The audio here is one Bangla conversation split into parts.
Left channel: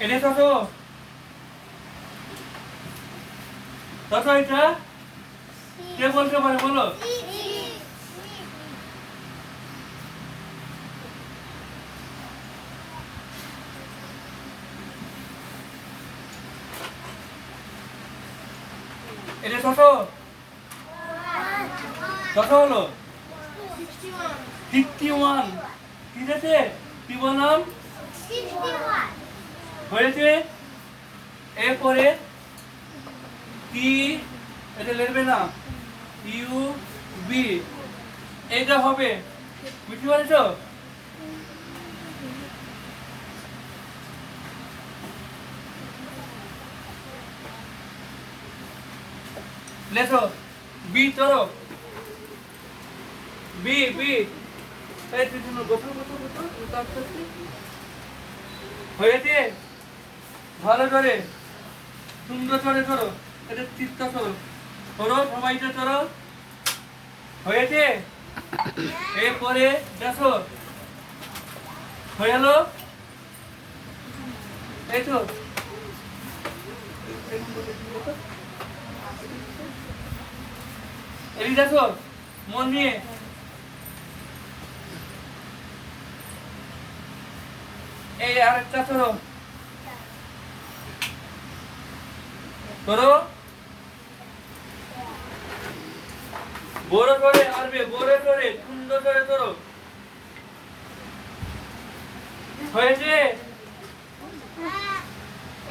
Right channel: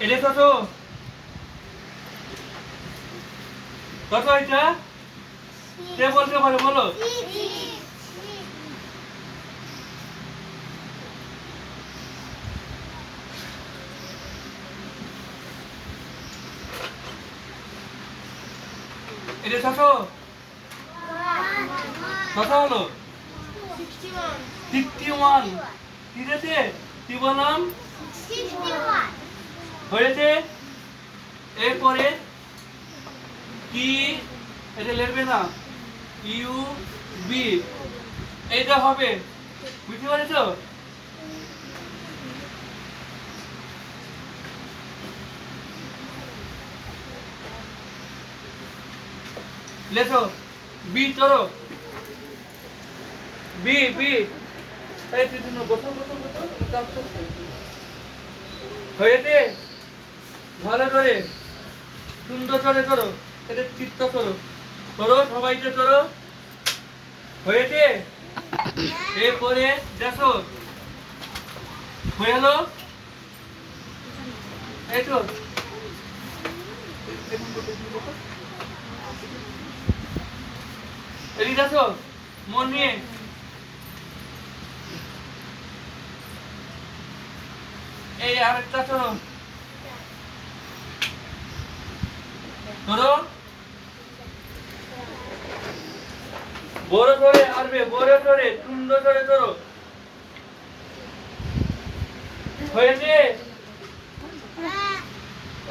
এটা কত কত এটা কে বলতে পারে বলো এটা কত কত হলো 61 ঠিক আছে কি বললাম হয়েছে এরপরে কি এটা লিখবে না ইউ বি এটা হবে বুঝতে পারছো লেখো বি চলো বি বি এই তুই বসো বসো বসো হয়েছে ভালো করে সুন্দর করে করো এটা চিত্ত করো করো সবাইকে করো হয়েছে এরপরে দেখো হয়ে গেল এই তো এই দেখো মন নিয়ে এই আরেকটা করো করো বড় করে আরবে বড় করে সুন্দর করে করো হয়েছে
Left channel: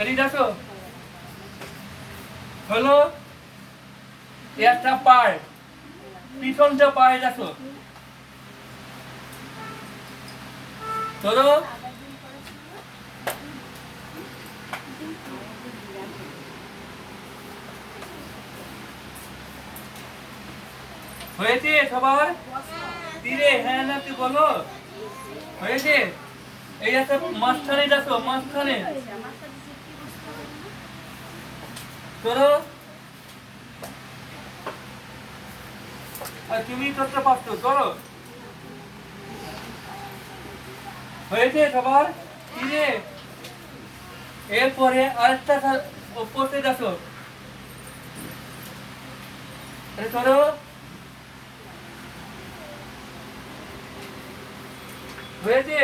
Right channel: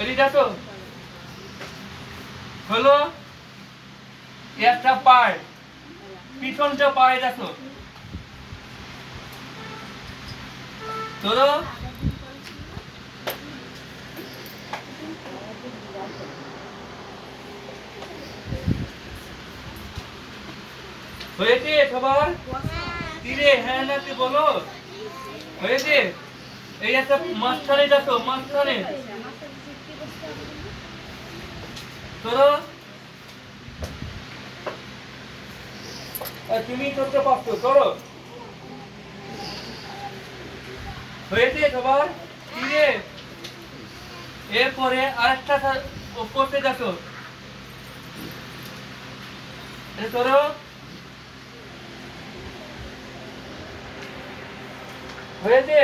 এই দেখো হলো একটা পায় পিছনটা পায় দেখো ধরো হয়েছে সবার তীরে হ্যাঁ নাকি বলো হয়েছে এই একটা মাঝখানে দেখো মাঝখানে ধরো তুমি করতে পারছো করো হয়েছে সবার তীরে এরপরে আরেকটা পড়তে দেখো ধরো হয়েছে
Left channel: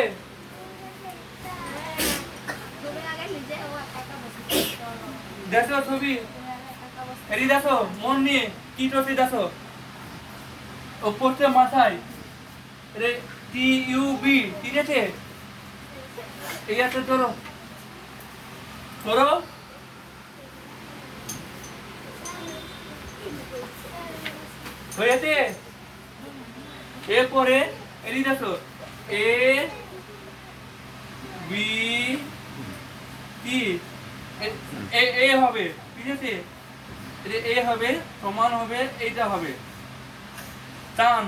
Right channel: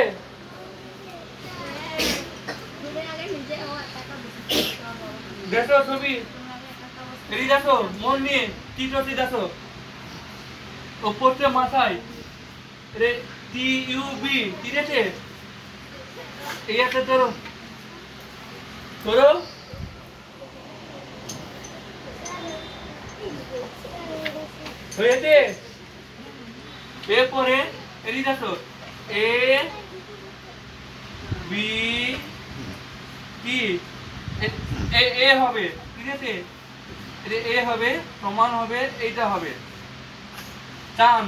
দেখো ছবি এটি দেখো মন নিয়ে কি করতে দেখো ওপরতে মাথায় রে টি ইউ বি ঠিক আছে এই একটা ধরো ধরো হয়েছে এরপরে এটি দেখো এ বি টি এ হবে ঠিক আছে এ হবে সমান হবে এইটা হবে টান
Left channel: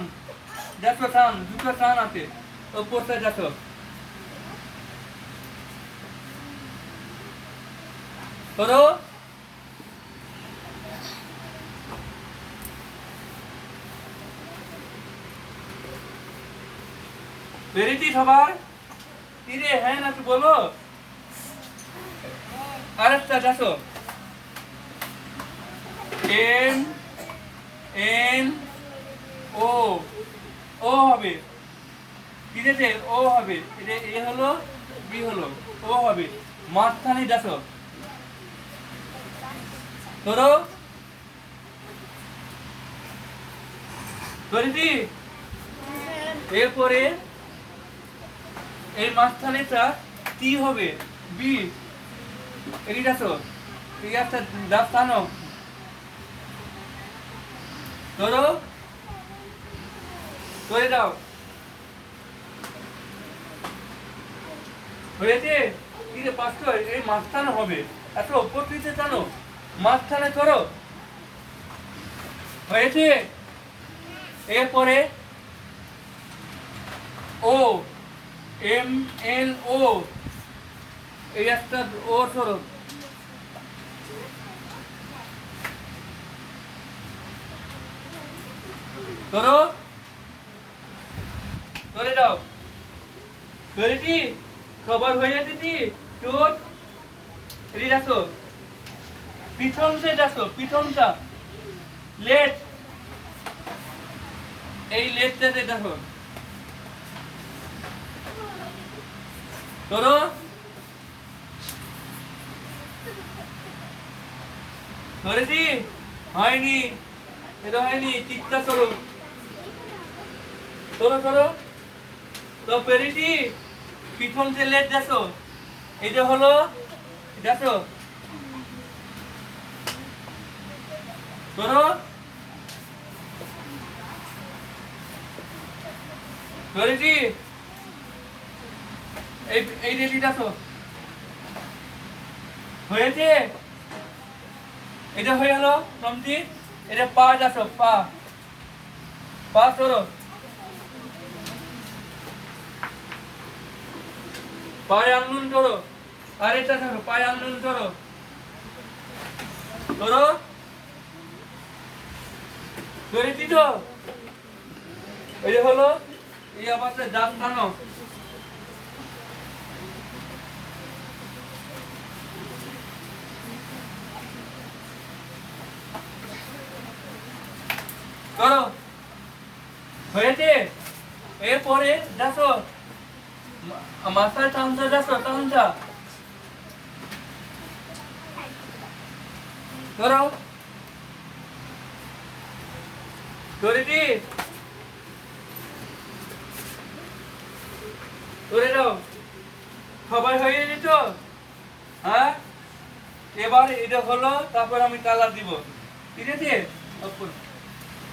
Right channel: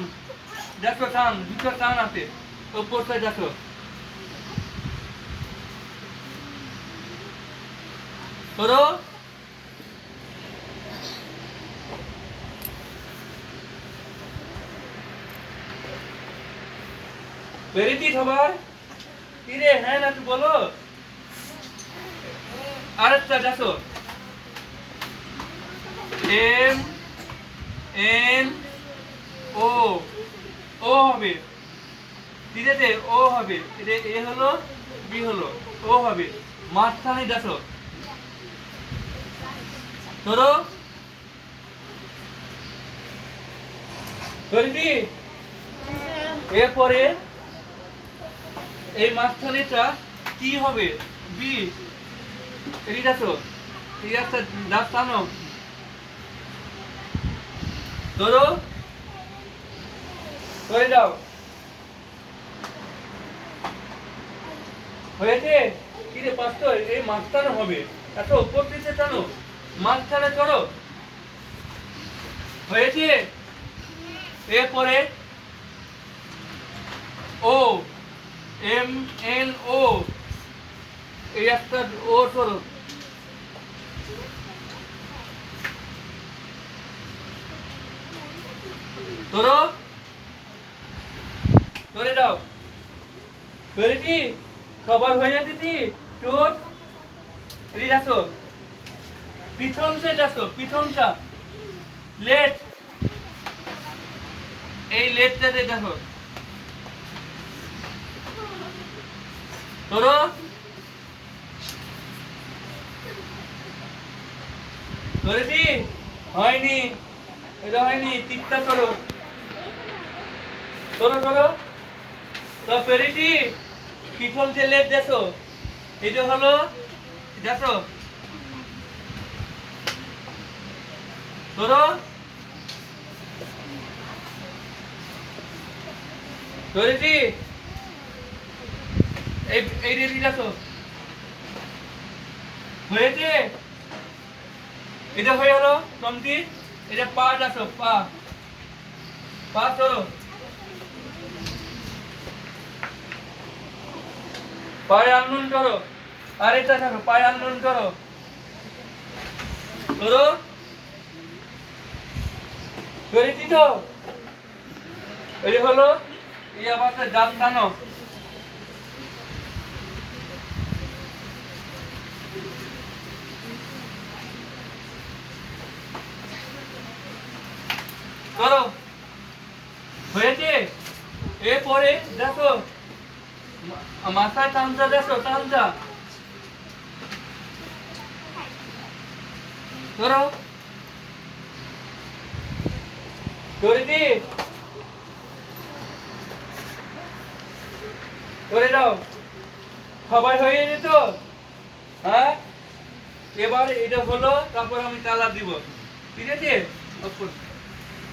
দেখো টান দুটো টান আছে ওপরটা দেখো ধরো বেরিয়েছি সবার কি রে হ্যাঁ নাকি বলো আরেকটা দেখো এম এন ও ও হবে ঠিক আছে ও হবে এটা এ হলো বি হলো ও হবে মাঝখানে দেখো ধরো ধরেছি এরপরে এই মাঝখানেটা কি হবে বি এই দেখো এই একটা দাঁত টানো ধরো ধরে দাও হয়েছে কি রে পাঁচ এই মাঝখানে হবে এত উপর পিছে টানো মাঝখানে ধরো হয়েছে এরপরে ও এম এন ও এই একটা ও ধরো ধরো ধরে দাও হয়েছি খবর হয়ে যাচ্ছে চোখ এদিকে আসো, পিছন সেট আসো, পিছনটা লেট, এই লেটটাতে দেখো, ধরো ধরেছি, হয়নি, এটা হয়নি, ঠিকঠাক করো, ধরো ধরো, তো পেরেছি, পিছন যে লেট দেখো, এটা হলো, দেখো, ধরো, ধরেছি, এই এই রেডি দেখো, হয়েছে, এটা হয়ে গেল কমপ্লিট, এটা পা দেখো, পা, পা ধরো, পায়ে আন্দোলন করো, আরেকটা দেখো, পায়ে আন্দোলন করো, ধরো, করেছি তো, এই হলো, এই আবার গাছ টানো, করো, হয়েছে, এরপরে দেখো, মাথায় টানটা দেখো, টানটা, করো, করেছি, করে দাও, সবাই হয়ে যেত, হ্যাঁ, এবার এটা হলো, তারপর আমি তালা দিব, ঠিক আছে।